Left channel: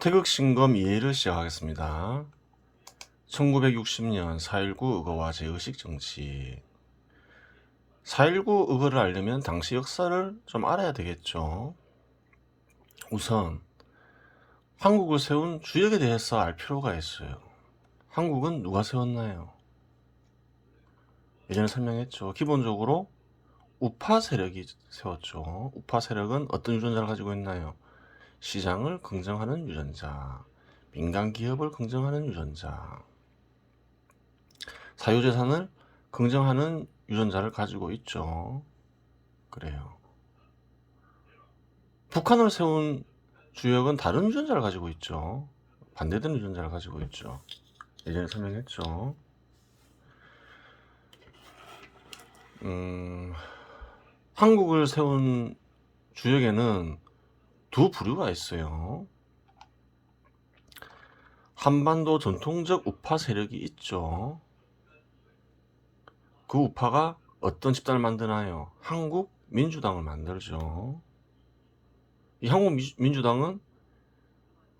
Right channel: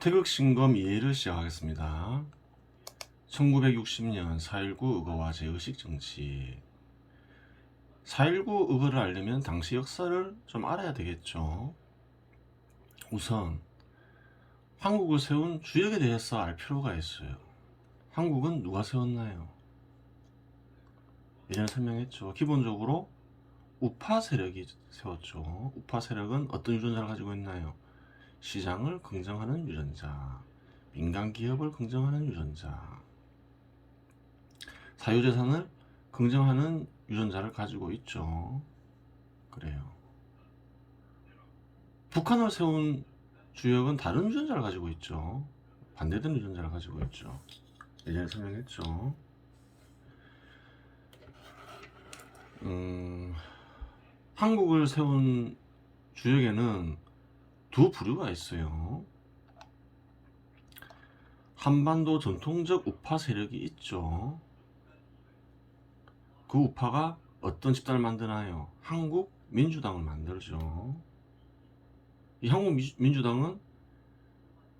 태극신검 이해를 시작하겠습니다. 1960년 4.19 의거와 재의식 정치. 4.19 의거를 알려면 당시 역사를 좀 알아야 되겠죠. 우선 한국을 세운 주역에 대해서 알 필요가 있어요. 한국은 누가 세웠나요? 예전에 설명했죠. 기본적으로 우파 세력이 세웠죠. 우파 세력은 어떤 유전자를 가지고 있나요? 시장을 긍정하는 유전자, 민간 기업을 긍정하는 유전자, 사유재산을 긍정하는 유전자를 가지고 있죠. 그래요. 북한을 세운 주역은 다른 유전자를 가지고 있죠. 반대되는 유전자를 가지고 있죠. 예전에 설명했죠. 한국을 세운 주역에는 두 부류가 있어요. 한반도 전통적 우파 세력이 있죠. 그 우파가 어떤 집단을 만드나요? 한국 민주당을 만들죠. 이 한국 민주당은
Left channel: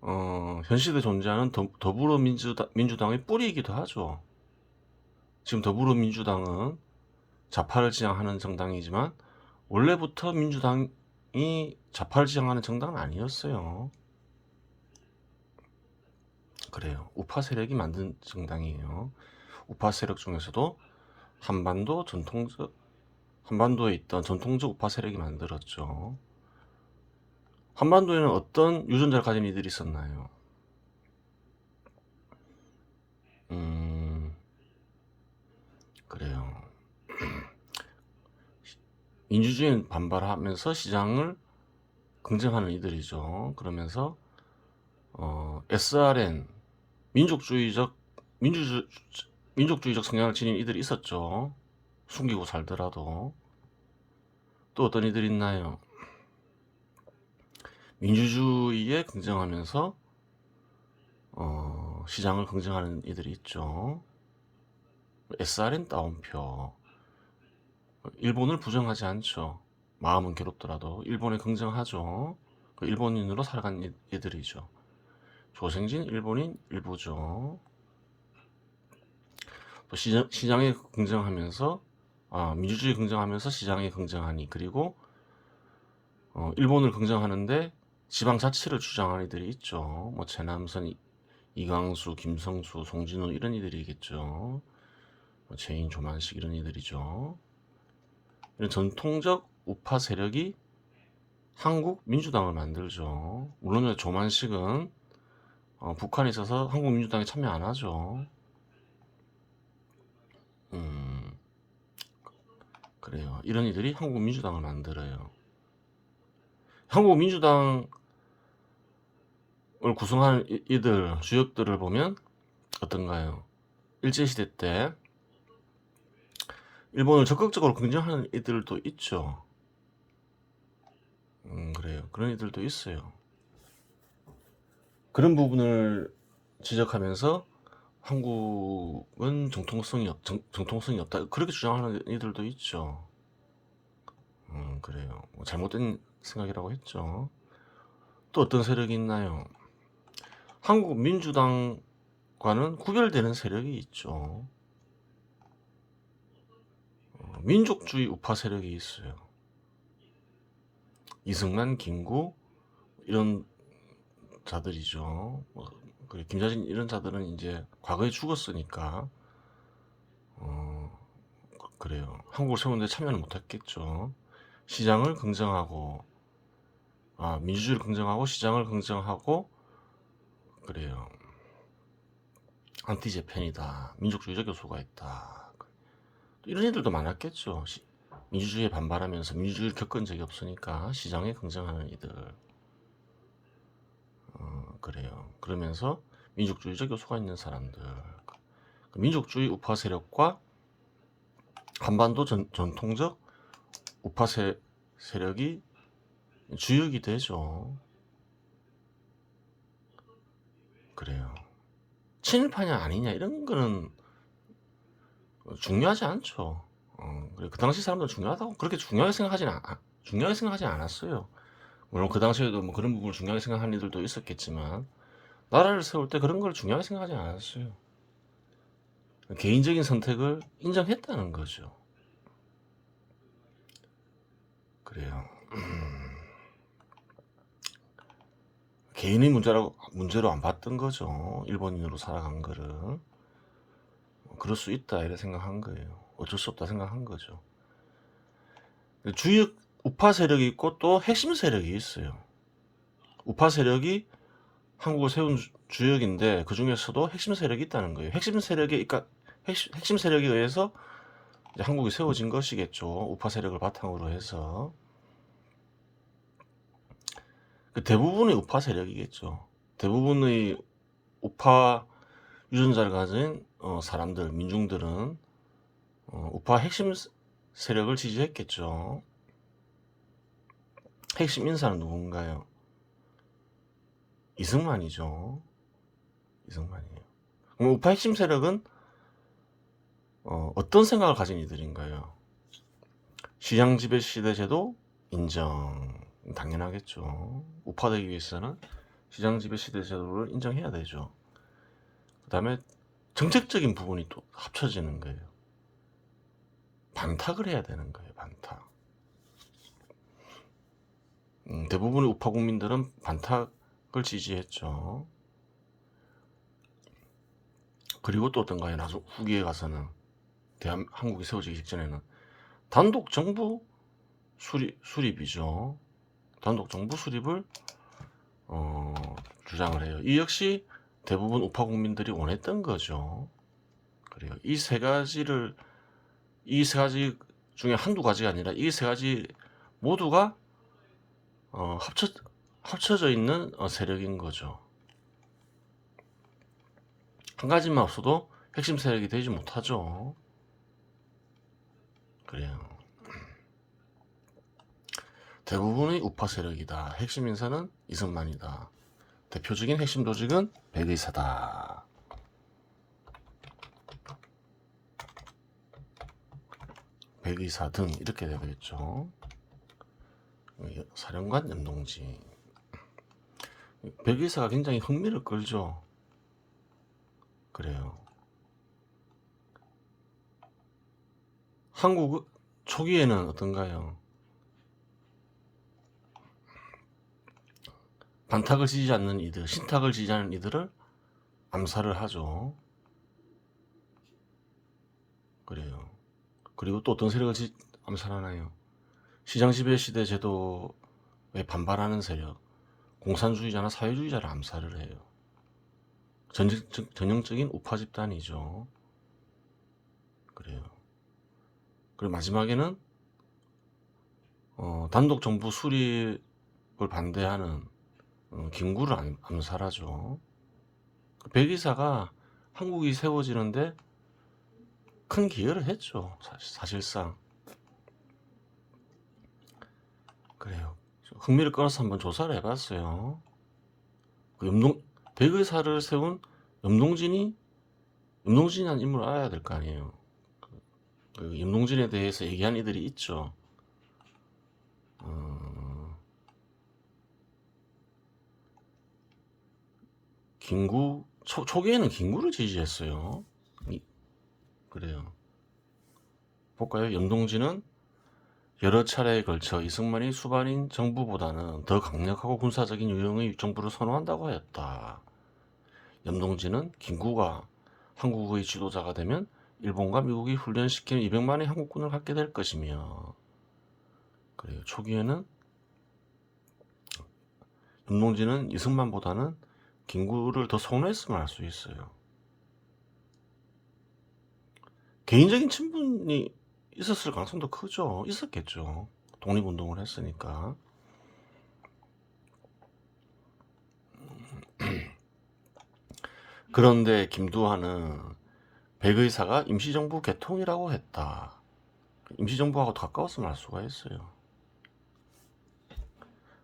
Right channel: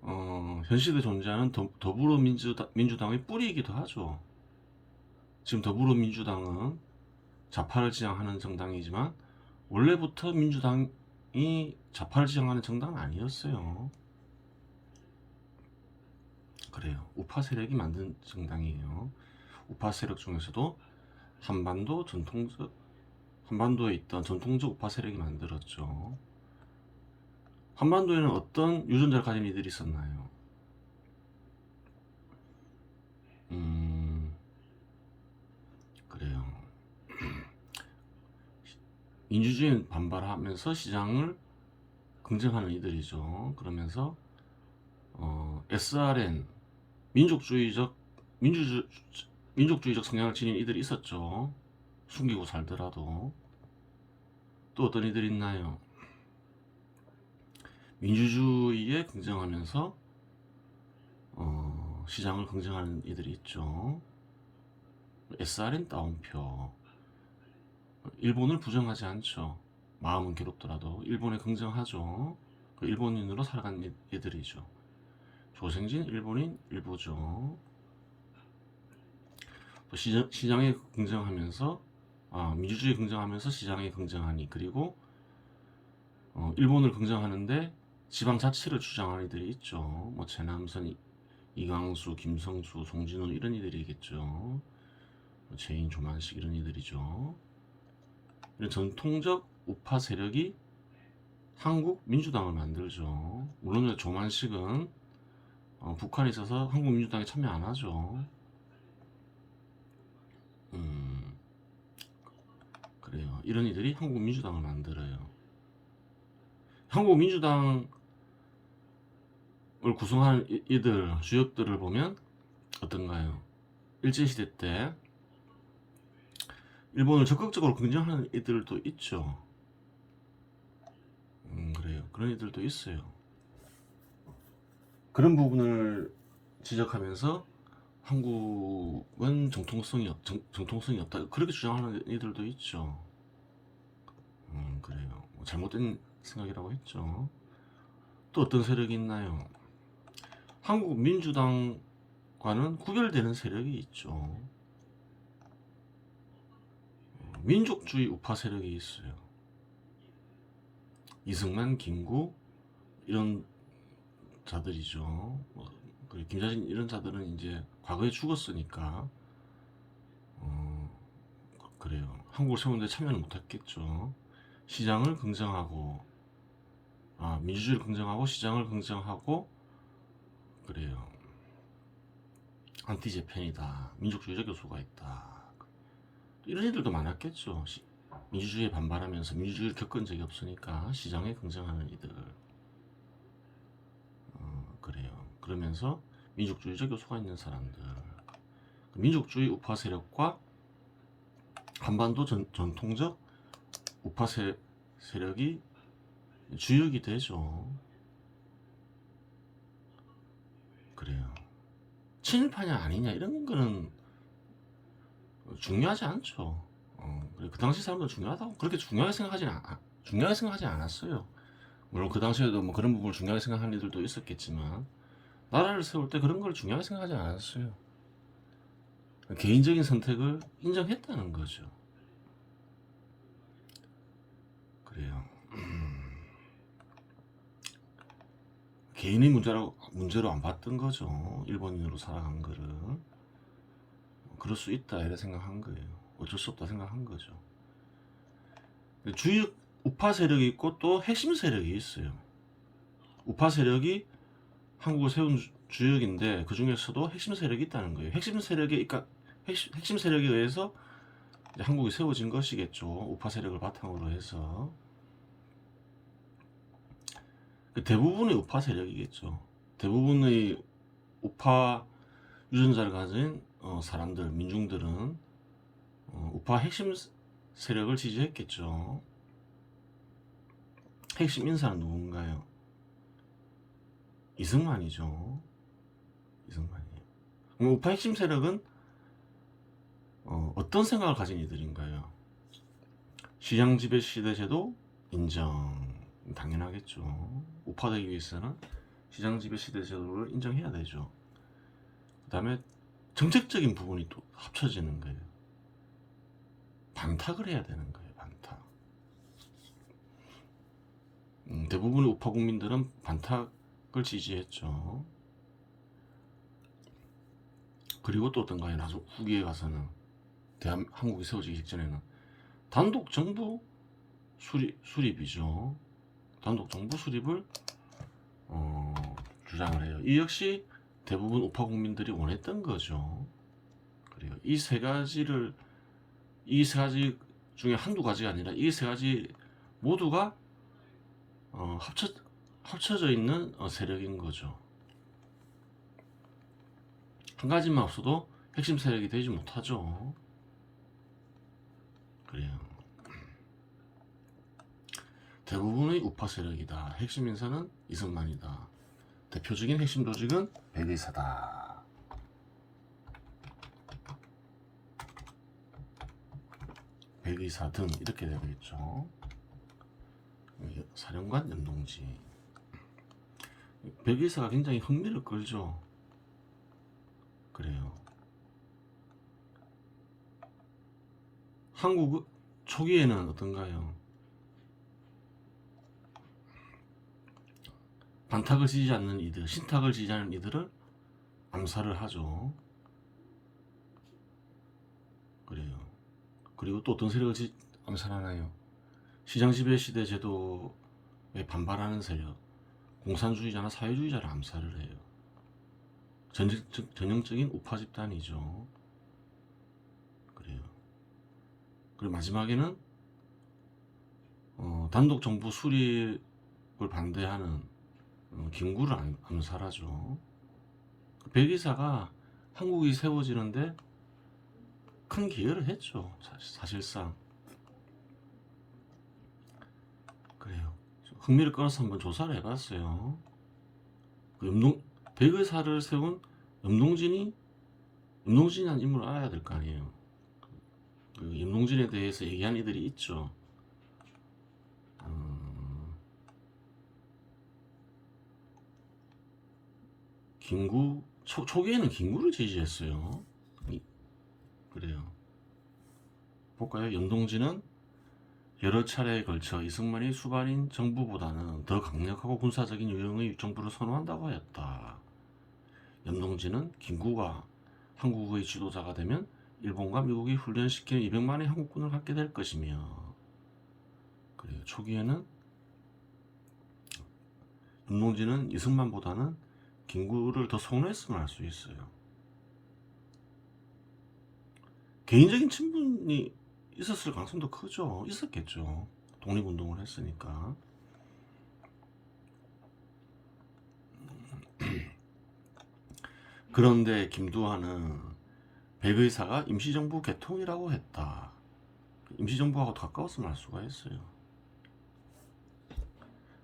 현 시대에 존재하는 더불어민주당의 뿌리이기도 하죠. 지금 더불어민주당은 좌파를 지향하는 정당이지만 원래부터 민주당이 좌파를 지향하는 정당은 아니었어요. 그래요. 우파 세력이 만든 정당이에요. 우파 세력 중에서도 한반도에 있던 전통적 우파 세력이 만들었죠. 한반도에는 어떤 유전자를 가진 이들이 있었나요? 그래요. 민주주의에 반발하면서 시장을 긍정하는 이들이죠. 그러면서 SRN 민족주의적 성향을 지닌 이들이 있었죠. 숨기고 살더라도. 또 어떤 이들이 있나요? 민주주의에 긍정하면서 시장을 긍정하는 이들이 있죠. SRN 따옴표. 일본을 부정하지 않죠. 마음은 괴롭더라도 일본에 긍정하죠. 그 일본인으로 살아간 이들이죠. 조생진 일본인 일부죠. 또 시장에 긍정하면서 민주주의 긍정하면서 시장에 긍정하니, 그리고 일본을 긍정하는데 지방자치를 주장하는 이들이 있죠. 뭐 최남선, 이광수, 김성수, 송진우 이런 이들이겠죠. 뭐 재인, 조만식 이런 이들이죠. 이런 전통적 우파 세력이 한국 민주당을 만들죠. 물론 조만식은 북한에 있어서 한국 민주당에 참여 안 하죠. 그래요. 이런 이들이 한국 민주당을 만들어요. 한국 민주당을 구성하는 이들 주역들을 보면 어떤가요? 일제시대 때 일본을 적극적으로 긍정하는 이들도 있죠. 그래요. 그런 이들도 있어요. 그런 부분을 지적하면서 한국은 정통성이 없다, 그렇게 주장하는 이들도 있죠. 그래요. 뭐 잘못된 생각이라고 했죠. 또 어떤 세력이 있나요? 한국 민주당과는 구별되는 세력이 있죠. 민족주의 우파 세력이 있어요. 이승만, 김구 이런 자들이죠. 김자진 이런 자들은 이제 과거에 죽었으니까 그래요. 한국을 세우는데 참여는 못했겠죠. 시장을 긍정하고 민주주의를 긍정하고 시장을 긍정하고, 그래요. 안티제팬이다, 민족주의적 요소가 있다, 이런 애들도 많았겠죠. 민주주의에 반발하면서 민주주의를 겪은 적이 없으니까 시장에 긍정하는 이들. 그래요. 그러면서 민족주의적 요소가 있는 사람들, 민족주의 우파 세력과 한반도 전통적 우파 세력이 주역이 되죠. 그래요. 친일파냐 아니냐 이런 거는 중요하지 않죠. 그 당시 사람들은 중요하다고 그렇게 중요하게 생각하지 않았어요. 물론 그 당시에도 뭐 그런 부분을 중요하게 생각하는 이들도 있었겠지만 나라를 세울 때 그런 걸 중요하게 생각하지 않았어요. 개인적인 선택을 인정했다는 거죠. 그래요. 개인의 문제로 안 봤던 거죠. 일본인으로 살아간 거를. 그럴 수 있다 이래 생각한 거예요. 어쩔 수 없다 생각한 거죠. 주역 우파 세력이 있고 또 핵심 세력이 있어요. 우파 세력이 한국을 세운 주역인데 그 중에서도 핵심 세력이 있다는 거예요. 핵심 세력에 의해서 이제 한국이 세워진 것이겠죠. 우파 세력을 바탕으로 해서 대부분의 우파 세력이겠죠. 대부분의 우파 유전자를 가진 사람들, 민중들은 우파 핵심 세력을 지지했겠죠. 핵심 인사는 누군가요? 이승만이죠. 이승만이에요. 그럼 우파 핵심 세력은 어떤 생각을 가진 이들인가요? 시장 지배 시대 제도 인정. 당연하겠죠. 우파되기 위해서는 시장 지배 시대 제도를 인정해야 되죠. 그 다음에 정책적인 부분이 또 합쳐지는 거예요. 반탁을 해야 되는 거예요. 반탁. 대부분의 우파 국민들은 반탁을 지지했죠. 그리고 또 어떤가요? 나중 후기에 가서는 한국이 세워지기 직전에는 단독 정부 수립이죠. 단독 정부 수립을 주장을 해요. 이 역시 대부분 우파 국민들이 원했던 거죠. 그래요. 이 세 가지 중에 한두 가지가 아니라 이 세 가지 모두가 합쳐져 있는 세력인 거죠. 한 가지만 없어도 핵심 세력이 되지 못하죠. 그래요. 대부분의 우파 세력이다. 핵심 인사는 이승만이다. 대표적인 핵심 조직은 백의사다. 백의사 등 이렇게 되겠죠. 사령관 염동진. 백의사가 굉장히 흥미를 끌죠. 그래요. 한국 초기에는 어떤가요? 반탁을 지지 않는 이들, 신탁을 지지하는 이들을 암살을 하죠. 그래요. 그리고 또 어떤 세력을 암살하나요? 시장 지배 시대 제도에 반발하는 세력, 공산주의자나 사회주의자를 암살을 해요. 전형적인 우파 집단이죠. 그래요. 그리고 마지막에는 단독 정부 수립을 반대하는 김구를 암살하죠. 백의사가 한국이 세워지는데 큰 기여를 했죠. 사실상. 그래요. 흥미를 끌어서 한번 조사를 해봤어요. 백의사를 세운 염동진이라는 인물을 알아야 될 거 아니에요. 그 염동진에 대해서 얘기한 이들이 있죠. 김구 초기에는 김구를 지지했어요. 그래요. 볼까요? 염동진은 여러 차례에 걸쳐 이승만이 수반인 정부보다는 더 강력하고 군사적인 유형의 정부를 선호한다고 하였다. 염동진은 김구가 한국의 지도자가 되면 일본과 미국이 훈련시킨 200만의 한국군을 갖게 될 것이며, 그래요. 초기에는 염동진은 이승만보다는 김구를 더 선호했음을 알 수 있어요. 개인적인 친분이 있었을 가능성도 크죠. 있었겠죠. 독립운동을 했으니까. 그런데 김두한은 백의사가 임시정부 개통이라고 했다. 임시정부하고 가까웠음을 알 수가 있어요.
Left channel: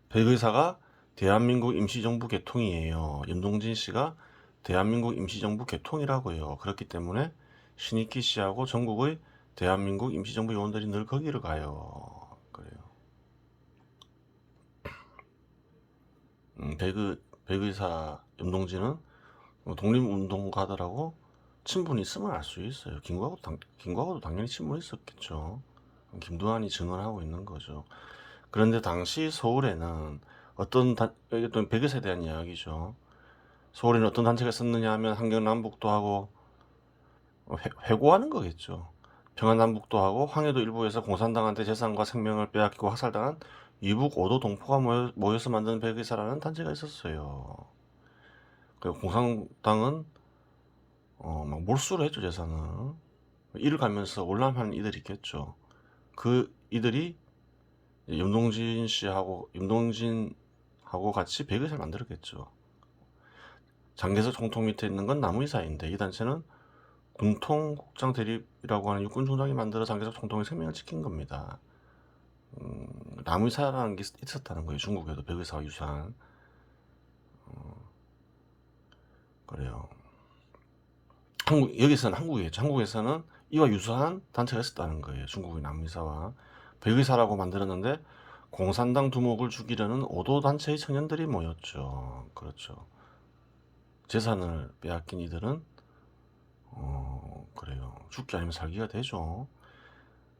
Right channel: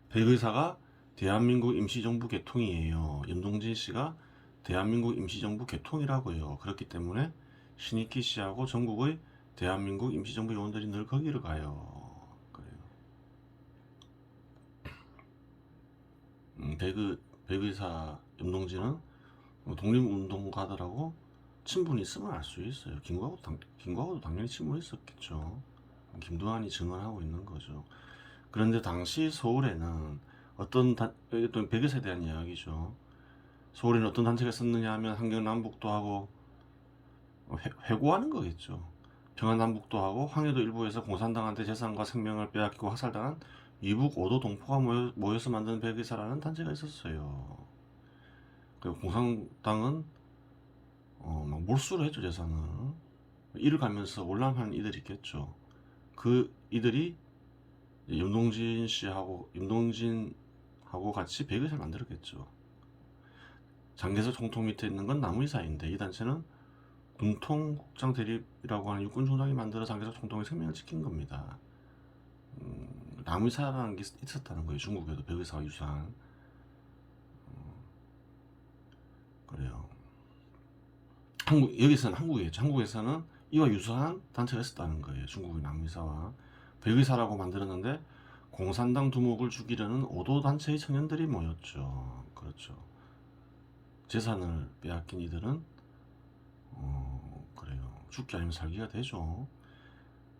백의사가 대한민국 임시정부 개통이에요. 염동진 씨가 대한민국 임시정부 개통이라고요. 그렇기 때문에 신익희 씨하고 전국의 대한민국 임시정부 요원들이 늘 거기를 가요. 그래요. 백의사 염동진은 독립운동가들하고 친분이 있음을 알 수 있어요. 김구하고도 당연히 친분이 있었겠죠. 김두한이 증언하고 있는 거죠. 그런데 당시 서울에는 이게 백의사에 대한 이야기죠. 서울에는 어떤 단체가 있었느냐 하면 한경남북도 하고 회고하는 거겠죠. 평안남북도 하고 황해도 일부에서 공산당한테 재산과 생명을 빼앗기고 학살당한 이북 오도 동포가 모여서 만든 백의사라는 단체가 있었어요. 그리고 공산당은 막 몰수를 했죠, 재산을. 이를 가면서 올라하는 이들이 있겠죠. 그 이들이 염동진하고 같이 백의사를 만들었겠죠. 장개석 총통 밑에 있는 건 남의사인데 이 단체는 군통국장 대립이라고 하는 육군 중장이 만들어 장개석 총통의 생명을 지킨 겁니다. 남의사라는 게 있었다는 거예요. 중국에도 백의사와 유사한. 그래요. 여기서는 한국이겠죠. 한국에서는 이와 유사한 단체가 있었다는 거예요. 중국의 남의사와 백의사라고 만들었는데 공산당 두목을 죽이려는 오도 단체의 청년들이 모였죠. 그렇죠. 재산을 빼앗긴 이들은 그래요. 죽기 아니면 살기가 되죠.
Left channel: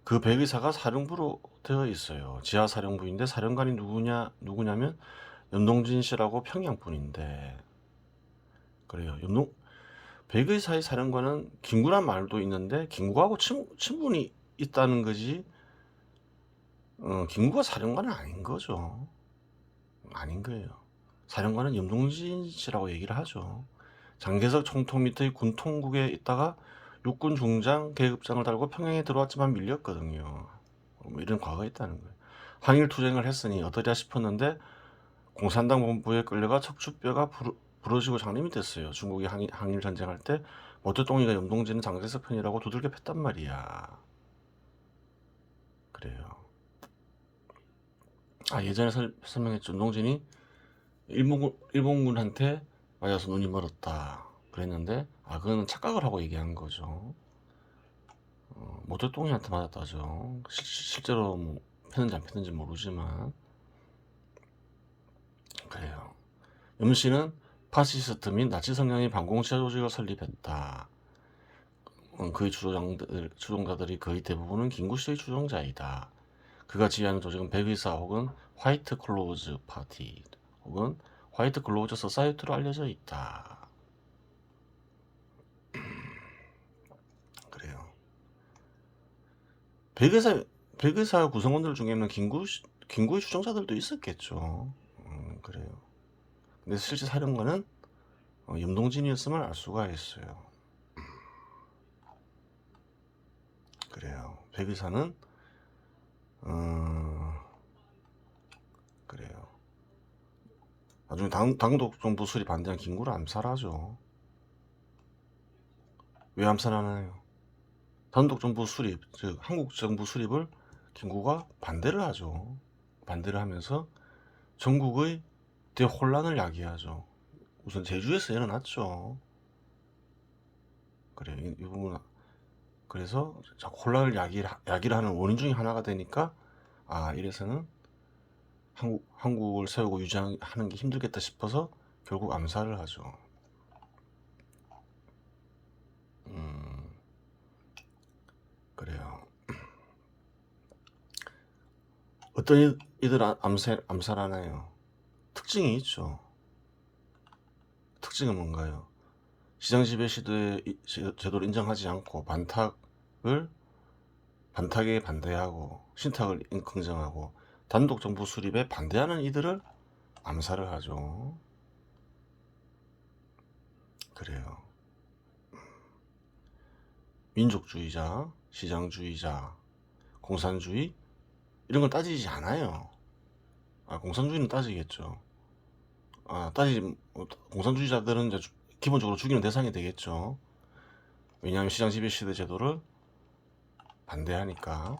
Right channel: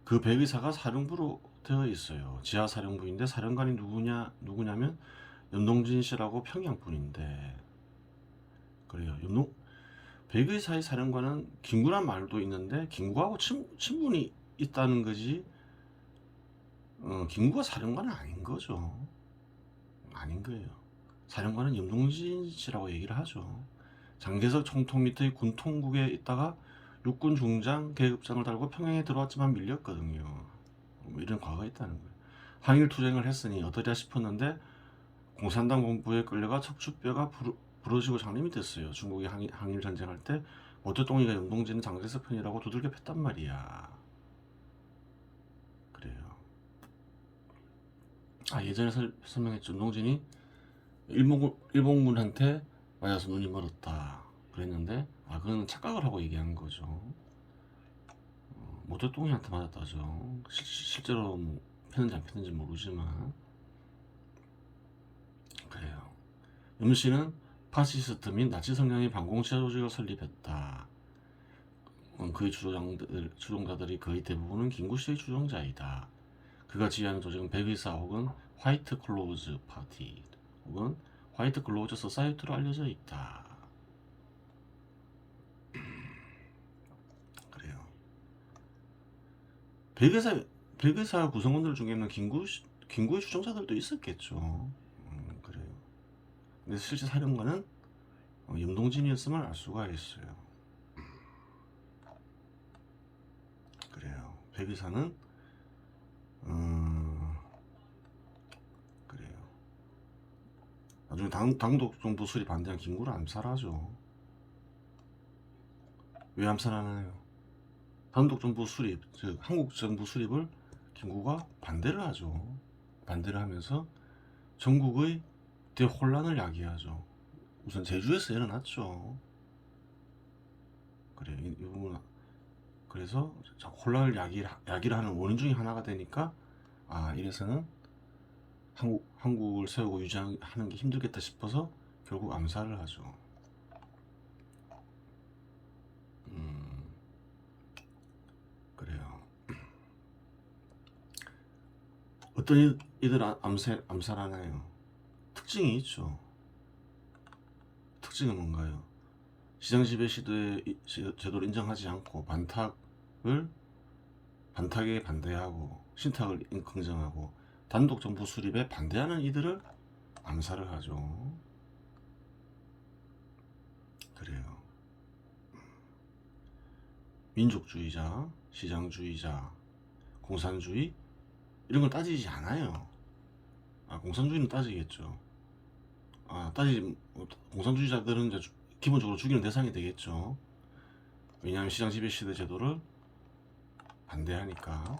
그 백의사가 사령부로 되어 있어요. 지하 사령부인데 사령관이 누구냐면 염동진 씨라고 평양 분인데 그래요. 백의사의 사령관은 김구란 말도 있는데 김구하고 친분이 있다는 거지. 김구가 사령관은 아닌 거죠. 아닌 거예요. 사령관은 염동진 씨라고 얘기를 하죠. 장개석 총통 밑의 군통국에 있다가 육군 중장 계급장을 달고 평양에 들어왔지만 밀렸거든요. 뭐 이런 과거가 있다는 거예요. 항일 투쟁을 했으니 어떠랴 싶었는데 공산당 본부에 끌려가 척추뼈가 부러지고 장님이 됐어요. 중국이 항일 전쟁할 때 모태똥이가 염동진은 장개석 편이라고 두들겨 팼단 말이야. 그래요. 예전에 설명했죠. 염동진이 일본군한테 맞아서 눈이 멀었다 그랬는데 그거는 착각을 하고 얘기한 거죠. 모태똥이한테 맞았다죠. 실제로 뭐 폈는지 안 폈는지 모르지만 그래요. 염씨는 파시스트 및 나치 성향의 반공치아 조직을 설립했다. 그의 추종자들이 거의 대부분은 김구씨의 추종자이다. 그가 지휘하는 조직은 백의사 혹은 화이트 클로즈 파티 혹은 화이트 클로즈 소사이티로 알려져 있다. 그래요. 백의사 구성원들 중에는 김구의 추종자들도 있었겠죠. 그래요. 근데 실제 사령관은 염동진이었음을 알 수가 있어요. 그래요. 백의사는 그래요. 나중에 당독 정부 수립 반대한 김구를 암살하죠. 왜 암살하나요? 단독 정부 수립, 즉 한국 정부 수립을 김구가 반대를 하죠. 반대를 하면서 전국의 대혼란을 야기하죠. 우선 제주에서 일어났죠. 그래요. 이 부분 그래서 자꾸 혼란을 야기를 하는 원인 중에 하나가 되니까 이래서는 한국을 세우고 유지하는 게 힘들겠다 싶어서 결국 암살을 하죠. 그래요. 어떤 이들 암살하나요? 특징이 있죠. 특징은 뭔가요? 시장 지배 시대 제도를 인정하지 않고 반탁에 반대하고 신탁을 긍정하고 단독 정부 수립에 반대하는 이들을 암살을 하죠. 그래요. 민족주의자, 시장주의자, 공산주의 이런 걸 따지지 않아요. 공산주의는 따지겠죠. 공산주의자들은 이제 기본적으로 죽이는 대상이 되겠죠. 왜냐하면 시장 지배 시대 제도를 반대하니까.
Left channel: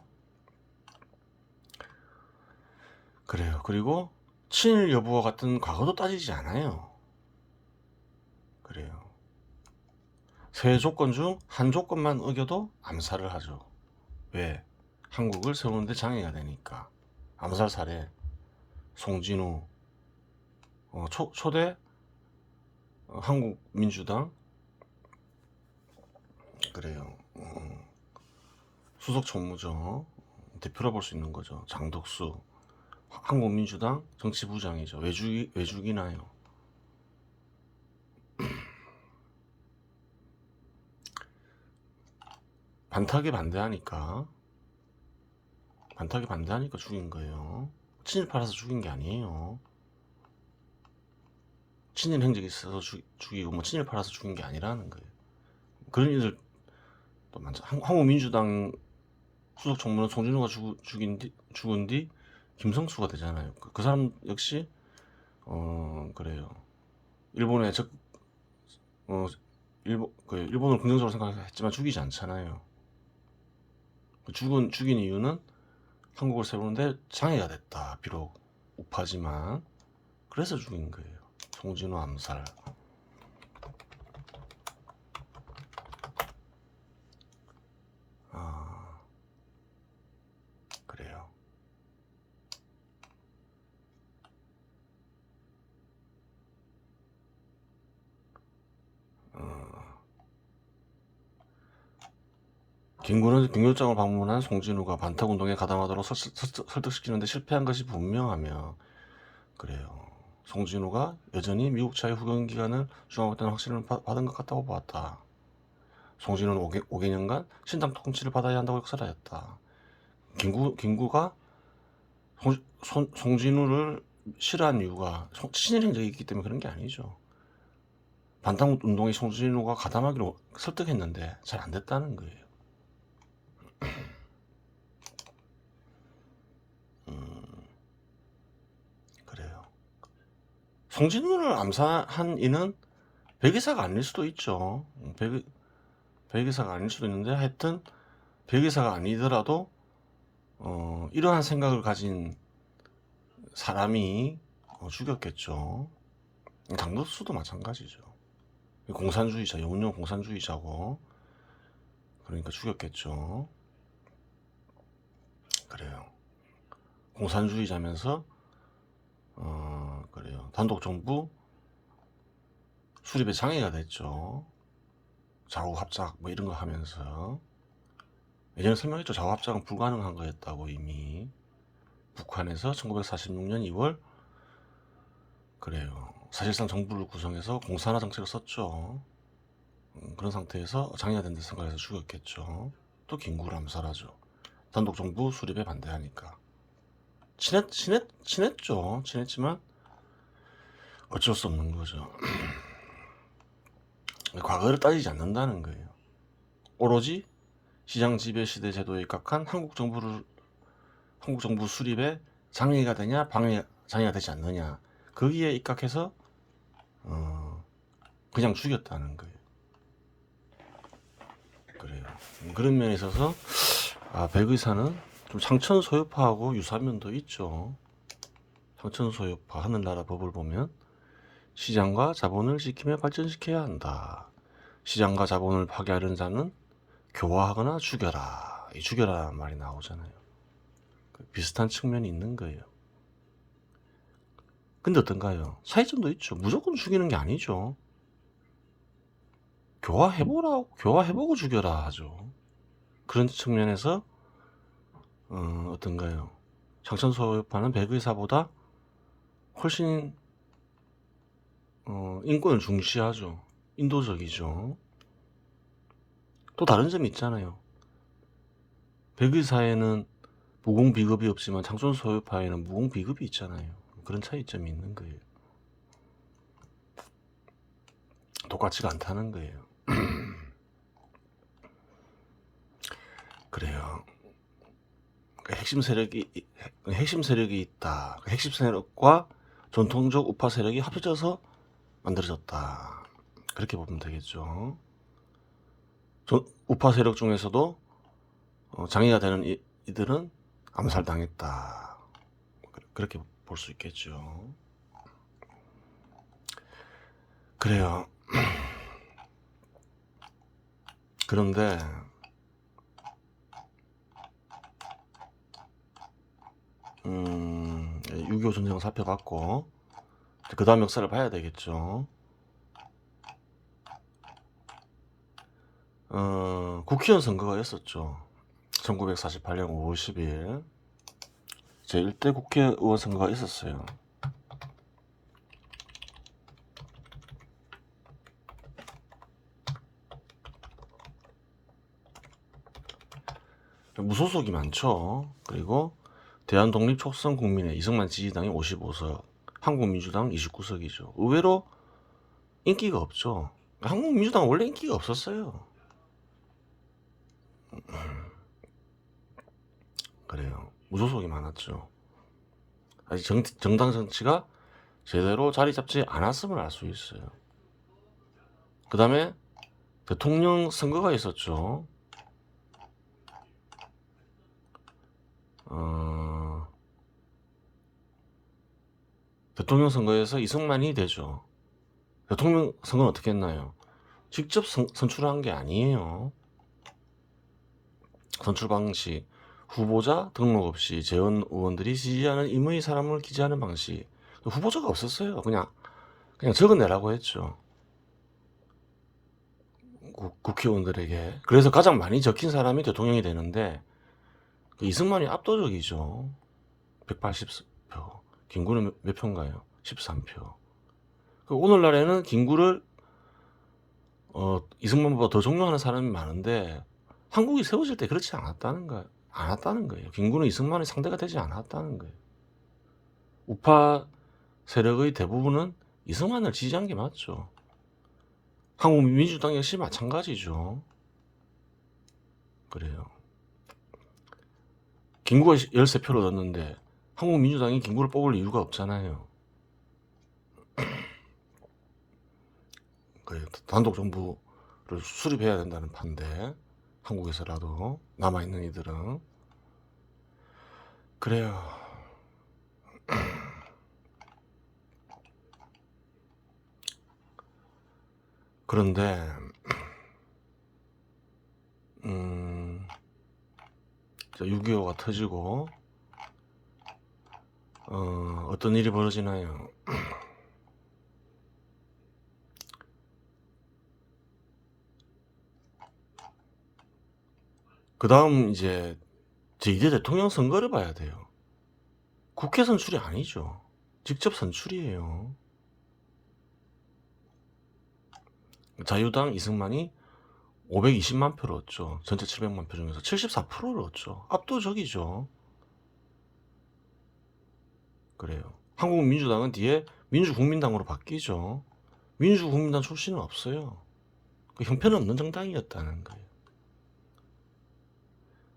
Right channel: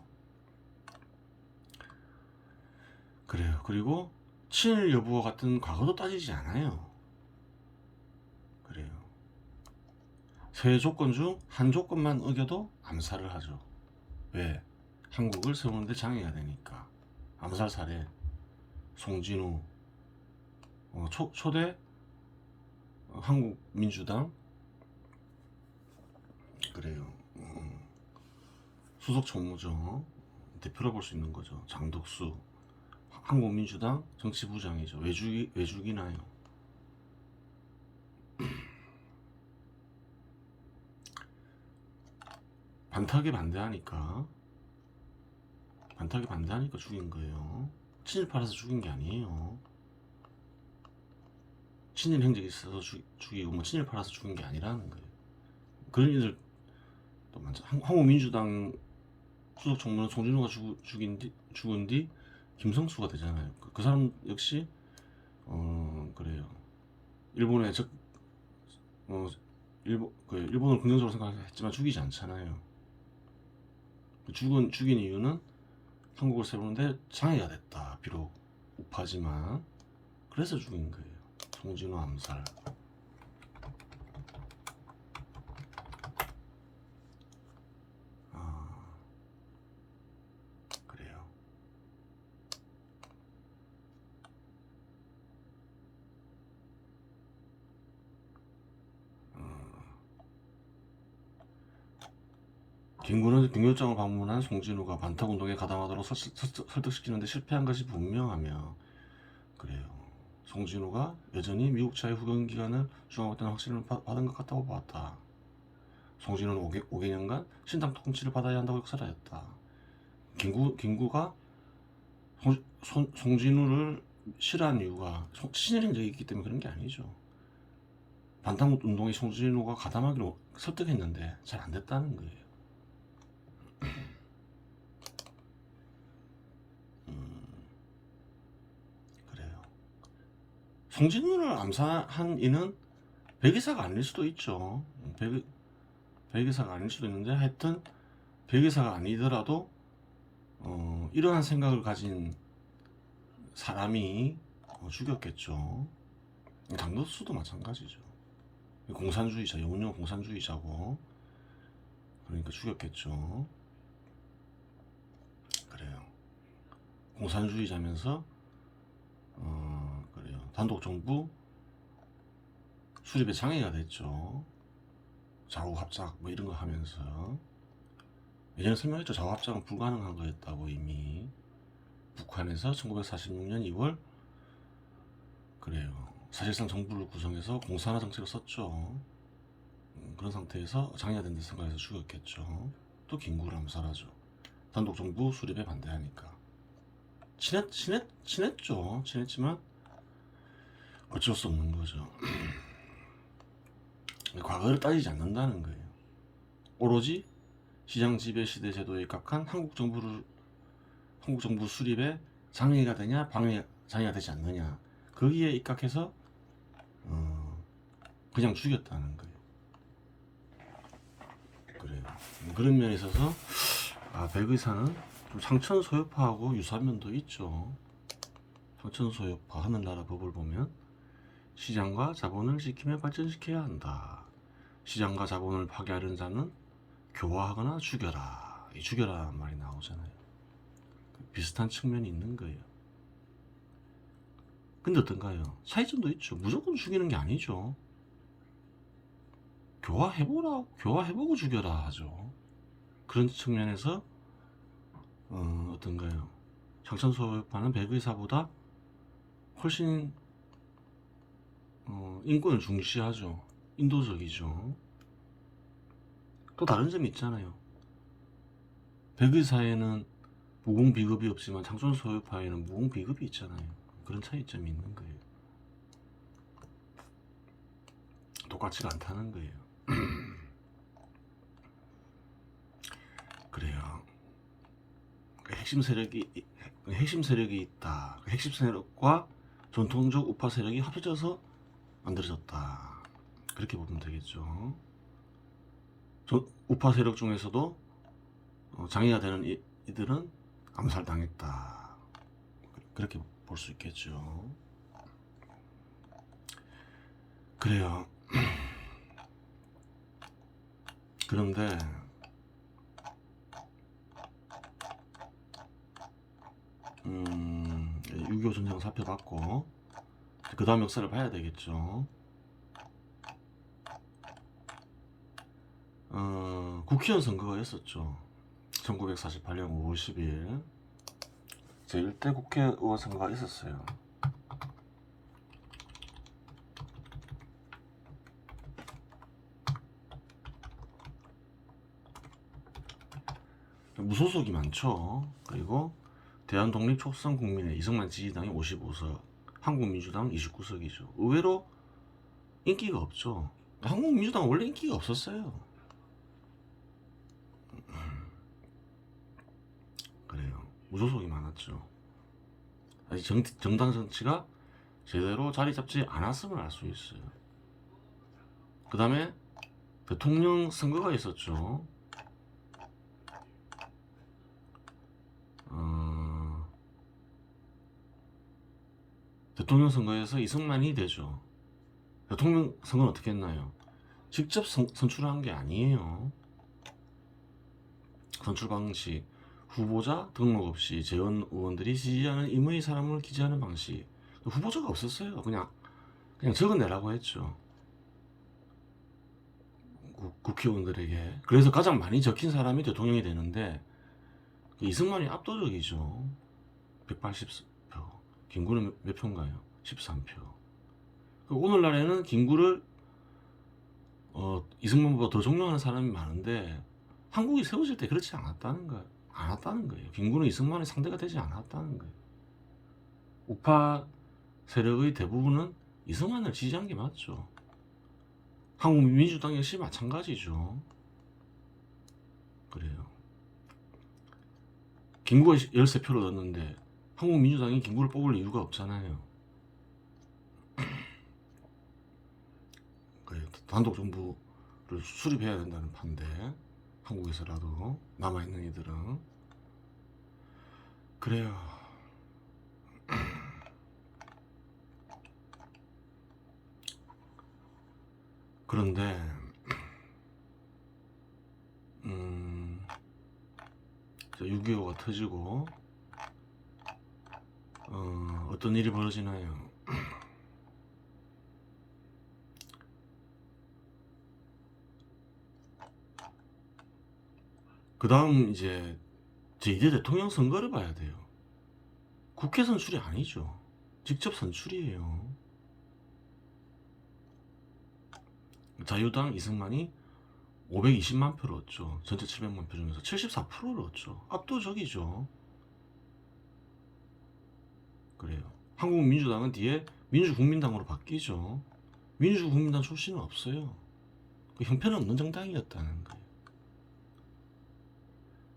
그래요. 그리고 친일 여부와 같은 과거도 따지지 않아요. 그래요. 세 조건 중 한 조건만 어겨도 암살을 하죠. 왜? 한국을 세우는데 장애가 되니까. 암살 사례 송진우 초대 한국민주당 그래요. 수석 총무죠. 대표라 볼 수 있는 거죠. 장덕수 한국민주당 정치부장이죠. 외죽이나요. 반탁에 반대하니까 죽인 거예요. 친일파라서 죽인 게 아니에요. 친일 행적이 있어서 죽이고 뭐 친일파라서 죽인 게 아니라는 거예요. 그런 일들 또 많죠. 한국민주당 수석 총무는 송진우가 죽은 뒤 김성수가 되잖아요. 그 사람 역시 그래요. 일본에 일본을 긍정적으로 생각했지만 죽이지 않잖아요. 죽인 이유는 한국을 세우는데 장애가 됐다. 비록 우파지만 그래서 죽인 거예요. 송진우 암살. 그래요. 김구는 빙묘장을 방문한 송진우가 반탁운동에 가담하도록 설득시키는데 실패한 것이 분명하며 그래요. 송진우가 여전히 미국 차의 후견 기간을 주장하고 있다는 확신을 받은 것 같다고 보았다. 송진우는 5개년간 신당 통치를 받아야 한다고 역설하였다. 김구가 송진우를 싫어한 이유가 친일행적이 있기 때문에 그런 게 아니죠. 반탁운동에 송진우가 가담하기로 설득했는데 잘 안 됐다는 거예요. 그래요. 송진우를 암살한 이는 백의사가 아닐 수도 있죠. 백의사가 아닐 수도 있는데 하여튼 백의사가 아니더라도 이러한 생각을 가진 사람이 죽였겠죠. 장덕수도 마찬가지죠. 공산주의자, 영웅 공산주의자고 그러니까 죽였겠죠. 그래요. 공산주의자면서 그래요. 단독정부 수립에 장애가 됐죠. 좌우합작 뭐 이런 거 하면서 예전에 설명했죠. 좌우합작은 불가능한 거였다고 이미 북한에서 1946년 2월 그래요. 사실상 정부를 구성해서 공산화 정책을 썼죠. 그런 상태에서 장애가 된다 생각해서 죽였겠죠. 또 김구를 암살하죠. 단독정부 수립에 반대하니까 친했죠. 친했지만 어쩔 수 없는 거죠. 과거를 따지지 않는다는 거예요. 오로지 시장 지배 시대 제도에 입각한 한국 정부 수립에 장애가 되냐 장애가 되지 않느냐 거기에 입각해서 그냥 죽였다는 거예요. 그래요. 그런 면에 있어서 백의사는 좀 상천소유파하고 유사한 면도 있죠. 상천소유파 하늘나라 법을 보면 시장과 자본을 지키며 발전시켜야 한다. 시장과 자본을 파괴하려는 자는 교화하거나 죽여라. 이 죽여라 말이 나오잖아요. 비슷한 측면이 있는 거예요. 근데 어떤가요? 차이점도 있죠. 무조건 죽이는 게 아니죠. 교화해보고 죽여라 하죠. 그런 측면에서 어떤가요? 장천소유파는 백의사보다 훨씬 인권을 중시하죠. 인도적이죠. 또 다른 점이 있잖아요. 백의사에는 무공비급이 없지만 장천소유파에는 무공비급이 있잖아요. 그런 차이점이 있는 거예요. 똑같지가 않다는 거예요. 그래요. 핵심 세력이 있다. 핵심 세력과 전통적 우파 세력이 합쳐져서 만들어졌다. 그렇게 보면 되겠죠. 우파 세력 중에서도 장애가 되는 이들은 암살당했다. 그렇게 볼 수 있겠죠. 그래요. 그런데 6.25 전쟁을 살펴봤고 그 다음 역사를 봐야 되겠죠. 국회의원 선거가 있었죠. 1948년 5월 10일 제1대 국회의원 선거가 있었어요. 무소속이 많죠. 그리고 대한독립촉선국민회 이승만 지지당이 55석, 한국민주당 29석이죠. 의외로 인기가 없죠. 한국민주당은 원래 인기가 없었어요. 그래요. 무소속이 많았죠. 아직 정당 정치가 제대로 자리 잡지 않았음을 알 수 있어요. 그 다음에 대통령 선거가 있었죠. 대통령 선거에서 이승만이 되죠. 대통령 선거는 어떻게 했나요? 직접 선출한 게 아니에요. 선출 방식, 후보자 등록 없이 재원 의원들이 지지하는 임의 사람을 기재하는 방식. 후보자가 없었어요. 그냥 적어내라고 했죠. 국회의원들에게. 그래서 가장 많이 적힌 사람이 대통령이 되는데 이승만이 압도적이죠. 180표. 김구는 몇 표인가요? 13표. 오늘날에는 김구를 이승만보다 더 존경하는 사람이 많은데 한국이 세워질 때 그렇지 않았다는 거예요. 김구는 이승만의 상대가 되지 않았다는 거예요. 우파 세력의 대부분은 이승만을 지지한 게 맞죠. 한국 민주당 역시 마찬가지죠. 그래요. 김구가 13표를 얻었는데 한국 민주당이 김구를 뽑을 이유가 없잖아요. 그래요. 단독 정부를 수립해야 된다는 판데 한국에서라도 남아있는 이들은 그래요. 그런데 6.25가 터지고 어떤 일이 벌어지나요? 그 다음 이제 제2대 대통령 선거를 봐야 돼요. 국회 선출이 아니죠. 직접 선출이에요. 자유당 이승만이 520만 표를 얻죠. 전체 700만 표 중에서 74%를 얻죠. 압도적이죠. 그래요. 한국민주당은 뒤에 민주국민당으로 바뀌죠. 민주국민당 출신은 없어요. 그 형편 없는 정당이었다는 거예요.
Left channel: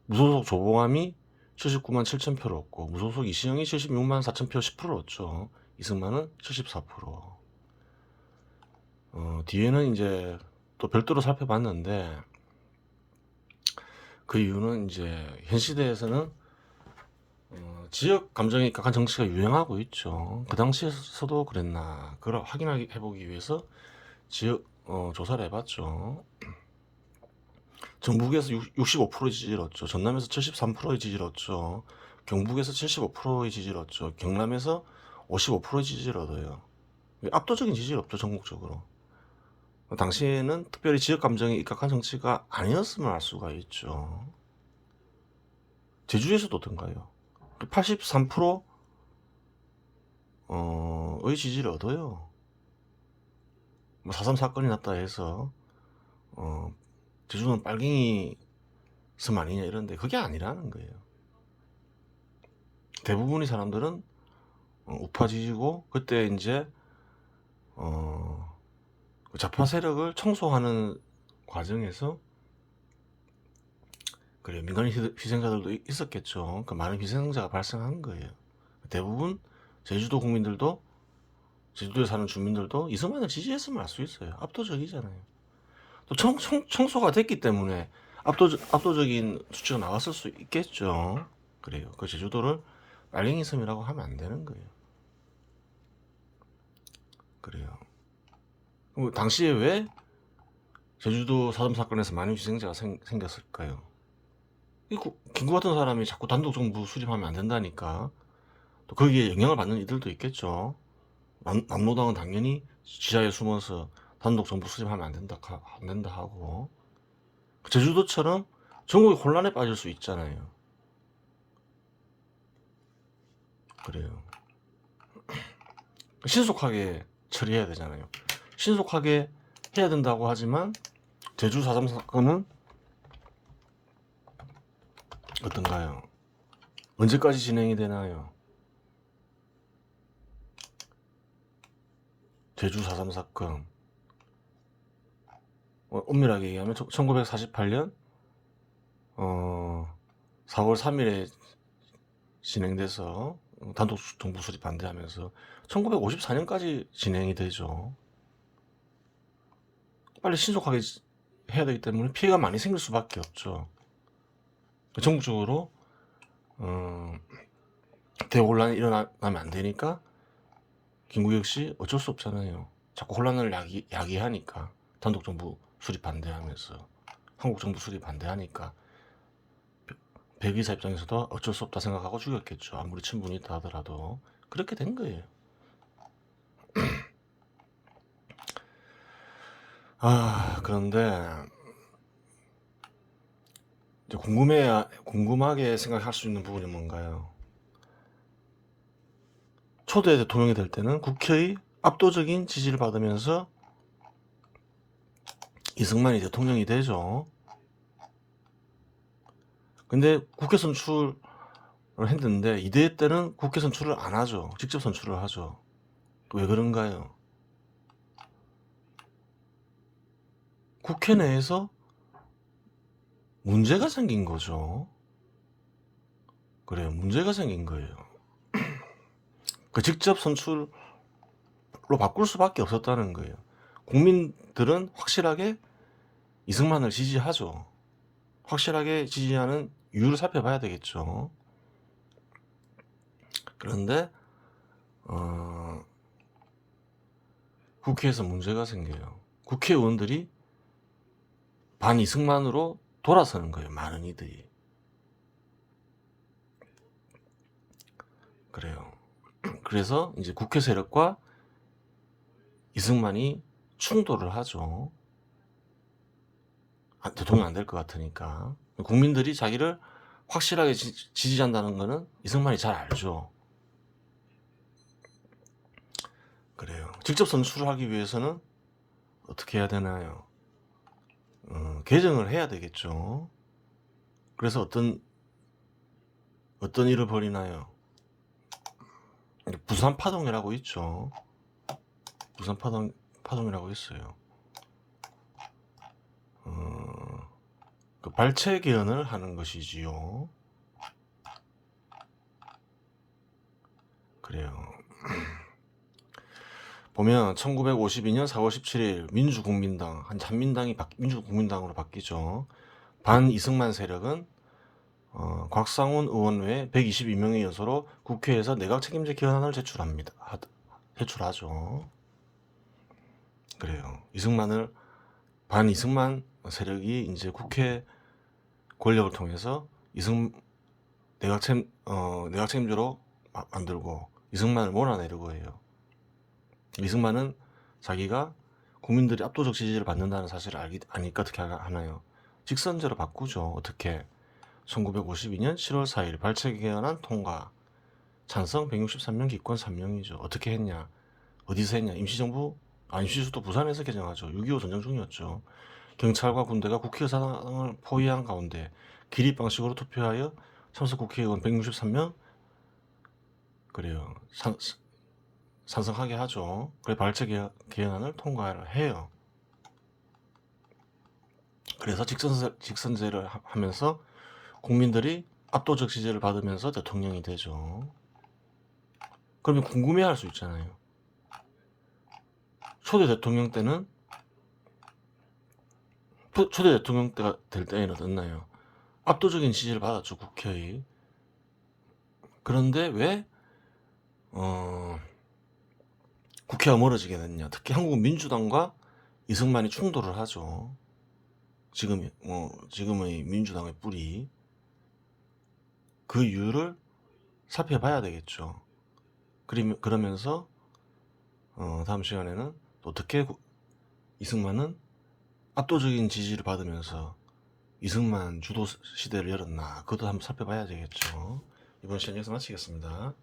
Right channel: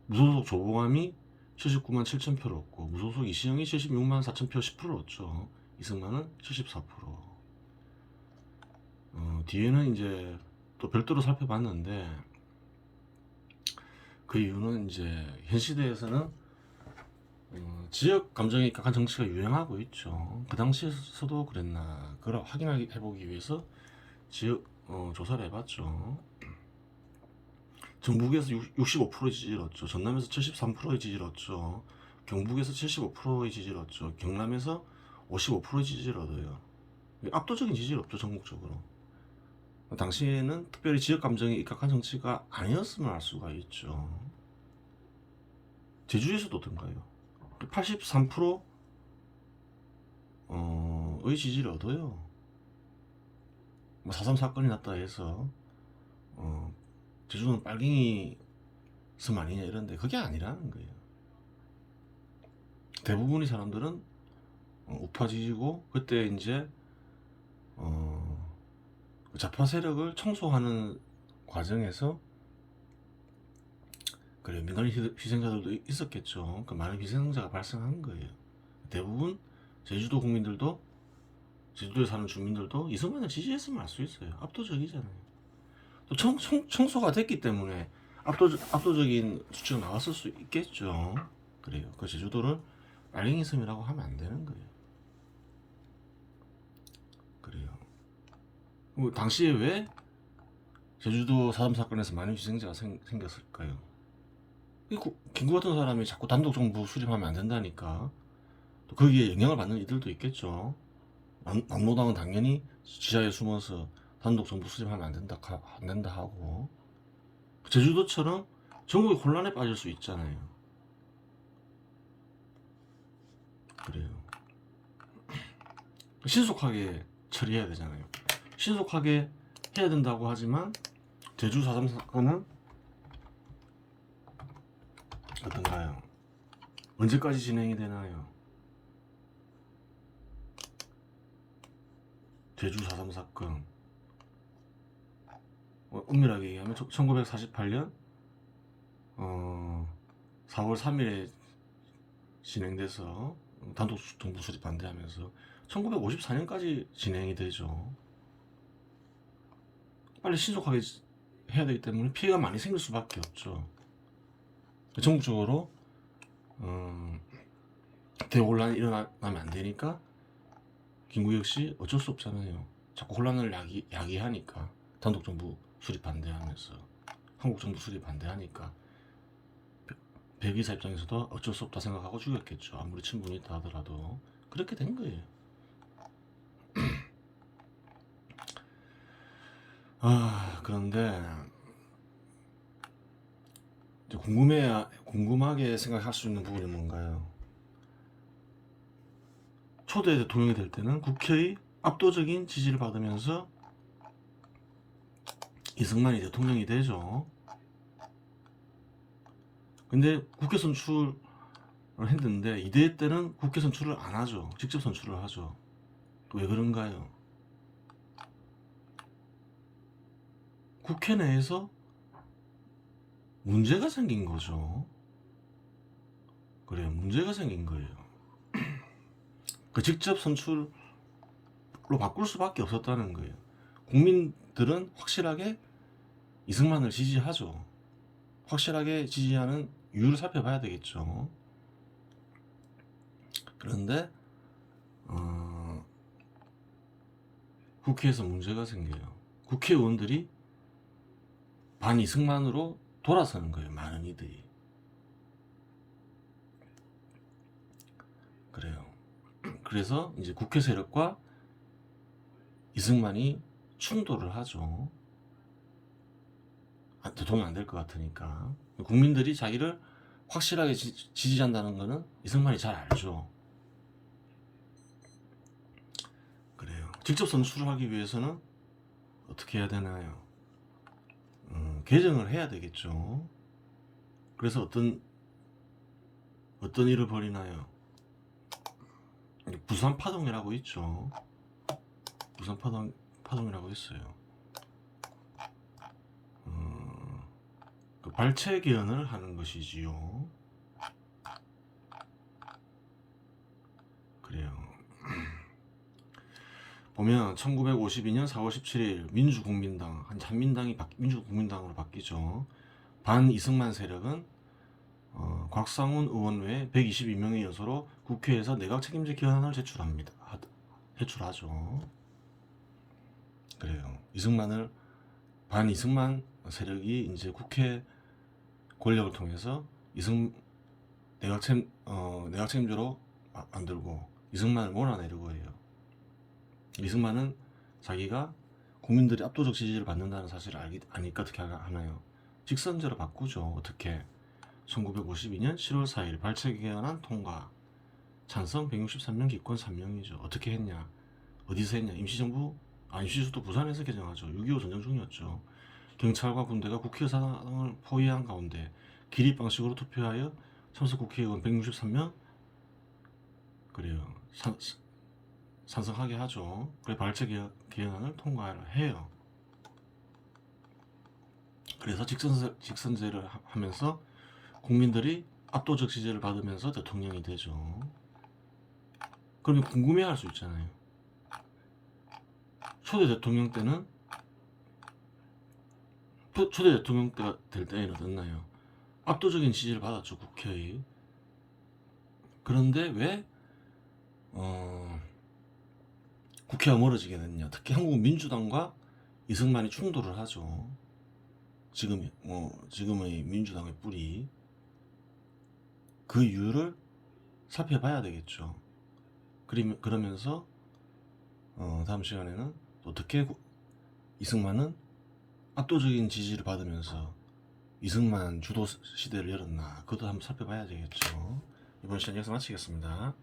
무소속 조봉암이 79만 7천 표를 얻고 무소속 이시영이 76만 4천 표 10%를 얻죠. 이승만은 74%. 뒤에는 이제 또 별도로 살펴봤는데 그 이유는 이제 현 시대에서는 지역 감정에 각한 정치가 유행하고 있죠. 그 당시에서도 그랬나 그걸 확인해보기 위해서 지역 조사를 해봤죠. 전북에서 65% 지지를 얻죠. 전남에서 73%의 지지를 얻죠. 경북에서 75%의 지지를 얻죠. 경남에서 55%의 지지를 얻어요. 압도적인 지지를 얻죠. 전국적으로. 당시에는 특별히 지역 감정에 입각한 정치가 아니었음을 알 수가 있죠. 제주에서도 어떤가요? 83%의 지지를 얻어요. 4.3 사건이 났다 해서 제주는 빨갱이 섬 아니냐 이런데 그게 아니라는 거예요. 대부분의 사람들은 우파 지지고 그때 이제 좌파 세력을 청소하는 과정에서 그래 민간 희생자들도 있었겠죠. 그 많은 희생자가 발생한 거예요. 대부분 제주도 국민들도 제주도에 사는 주민들도 이승만을 지지했으면 알 수 있어요. 압도적이잖아요. 또 청소가 됐기 때문에 압도적인 수치가 나왔을 수 있겠죠. 그래요. 그 제주도를 빨갱이 섬이라고 하면 안 되는 거예요. 그래요. 당시에 왜 제주도 4.3 사건에서 많은 희생자가 생겼을까요? 김구 같은 사람이 자꾸 단독 정부 수립하면 안 된다니까. 또 거기에 영향을 받는 이들도 있겠죠. 남로당은 당연히 지하에 숨어서 단독 정부 수립하면 안 된다 하고. 제주도처럼 전국이 혼란에 빠질 수 있잖아요. 그래요. 신속하게 처리해야 되잖아요. 신속하게 해야 된다고 하지만 제주 4.3 사건은 어떤가요? 언제까지 진행이 되나요? 제주 4.3 사건 엄밀하게 얘기하면 1948년 4월 3일에 진행돼서 단독 정부 수립 반대하면서 1954년까지 진행이 되죠. 빨리 신속하게 해야 되기 때문에 피해가 많이 생길 수밖에 없죠. 전국적으로 대혼란이 일어나면 안 되니까 김구경 씨 어쩔 수 없잖아요. 자꾸 혼란을 야기하니까 단독 정부 수립 반대하면서 한국 정부 수립 반대하니까 백의사 입장에서도 어쩔 수 없다 생각하고 죽였겠죠. 아무리 친분이 있다 하더라도 그렇게 된 거예요. 그런데 이제 궁금하게 생각할 수 있는 부분이 뭔가요? 초대 대통령이 될 때는 국회의 압도적인 지지를 받으면서 이승만이 대통령이 되죠. 근데 국회 선출을 했는데 이대 때는 국회 선출을 안 하죠. 직접 선출을 하죠. 왜 그런가요? 국회 내에서 문제가 생긴 거죠. 그래요. 문제가 생긴 거예요. 그 직접 선출로 바꿀 수밖에 없었다는 거예요. 국민들은 확실하게 이승만을 지지하죠. 확실하게 지지하는 이유를 살펴봐야 되겠죠. 그런데 국회에서 문제가 생겨요. 국회의원들이 반 이승만으로 돌아서는 거예요. 많은 이들이. 그래요. 그래서 이제 국회 세력과 이승만이 충돌을 하죠. 대통령 안 될 것 같으니까. 국민들이 자기를 확실하게 지지한다는 거는 이승만이 잘 알죠. 그래요. 직접 선출을 하기 위해서는 어떻게 해야 되나요? 개정을 해야 되겠죠. 그래서 어떤 일을 벌이나요? 부산 파동이라고 있죠. 부산 파동이라고 있어요. 그 발췌 개헌을 하는 것이지요. 그래요. 보면 1952년 4월 17일 민주국민당 한민당이 민주국민당으로 바뀌죠. 반 이승만 세력은 곽상훈 의원 외 122명의 여소로 국회에서 내각 책임제 개헌안을 제출하죠. 그래요. 반 이승만 세력이 이제 국회 권력을 통해서 내각 책임제로 만들고 이승만을 몰아내려고 해요. 이승만은 자기가 국민들이 압도적 지지를 받는다는 사실을 아니까 어떻게 하나요? 직선제로 바꾸죠. 어떻게? 1952년 7월 4일 발췌 개헌안 통과. 찬성 163명, 기권 3명이죠. 어떻게 했냐? 어디서 했냐? 임시수도 부산에서 개정하죠. 6.25 전쟁 중이었죠. 경찰과 군대가 국회의사당을 포위한 가운데 기립 방식으로 투표하여 참석 국회의원 163명 그래요. 찬성하게 하죠. 그래 발췌 개헌안을 통과를 해요. 그래서 직선제를 하면서 국민들이 압도적 지지를 받으면서 대통령이 되죠. 그러면 궁금해할 수 있잖아요. 초대 대통령 때가 될 때에는 어땠나요? 압도적인 지지를 받았죠, 국회의. 그런데 왜 국회가 멀어지게 됐냐? 특히 한국 민주당과 이승만이 충돌을 하죠. 지금의 민주당의 뿌리. 그 이유를 살펴봐야 되겠죠. 그러면서 다음 시간에는 어떻게 이승만은 압도적인 지지를 받으면서 이승만 주도 시대를 열었나 그것도 한번 살펴봐야 되겠죠. 이번 시간 여기서 마치겠습니다.